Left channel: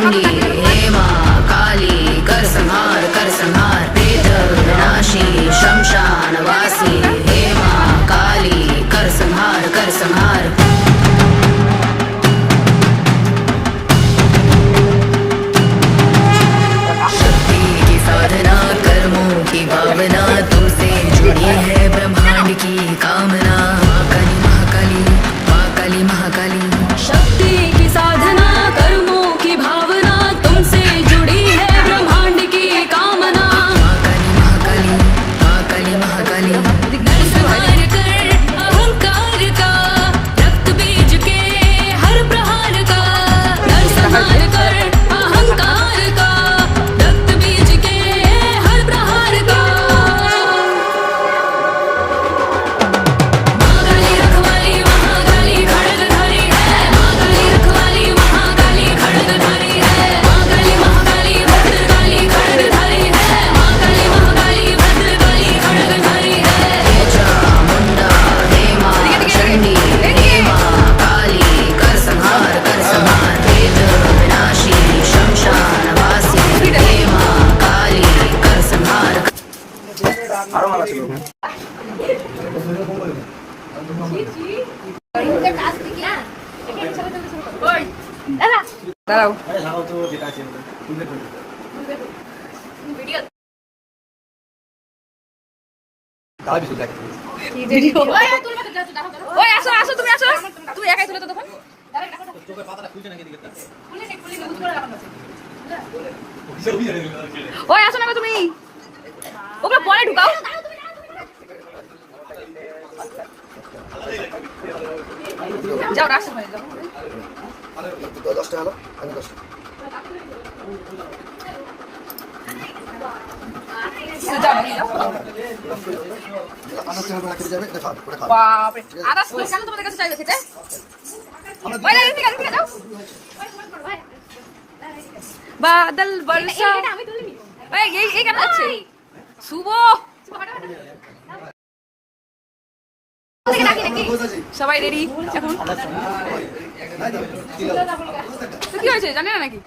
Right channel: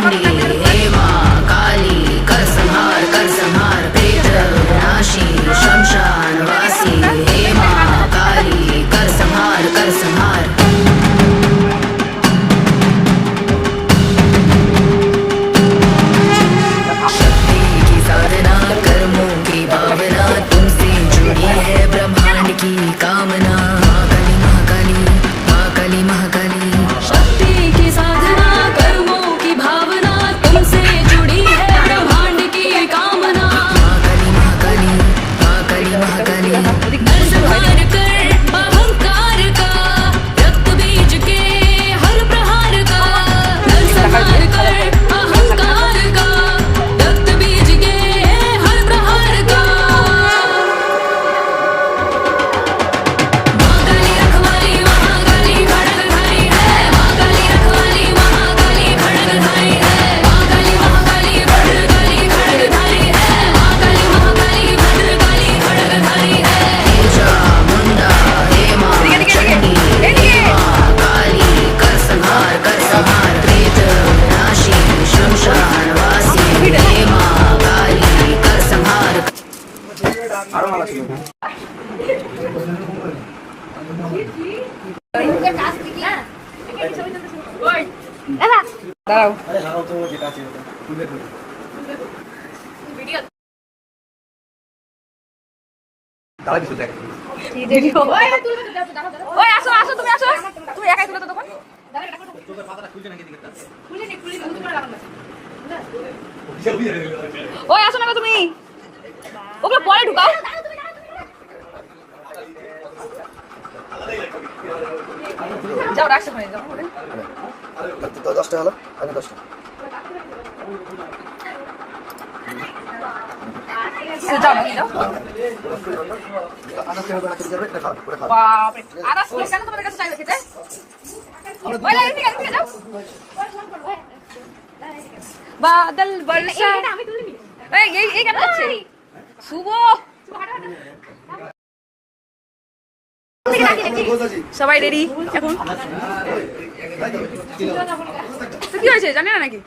चंडी हे मां काली कर संहार प्रेत विनाशी शमशान वासी हे मां काली कर संहार शक्ति की साधना कर्मों की भावना तुमसे जुड़ी है ब्रह्मांड की कामना দাঁড়াও তুমি একাই তুলো তো তখন ওই আসো না তুমি ওগুলো পরে ঢুকাও যাও রাস্তা হয়ে যাও 10 টাকা হলো আমি 10 বাপরে আদা স্কুল কেন তোমাদের কাছে চাইবে খেতে ওই লাগে ঠিক আছে দাও বাদল বর্ষা আমি তুলবি এই কেন হচ্ছে শুভ সবাই রেডি এখন কি হয়েছে জানি না নাকি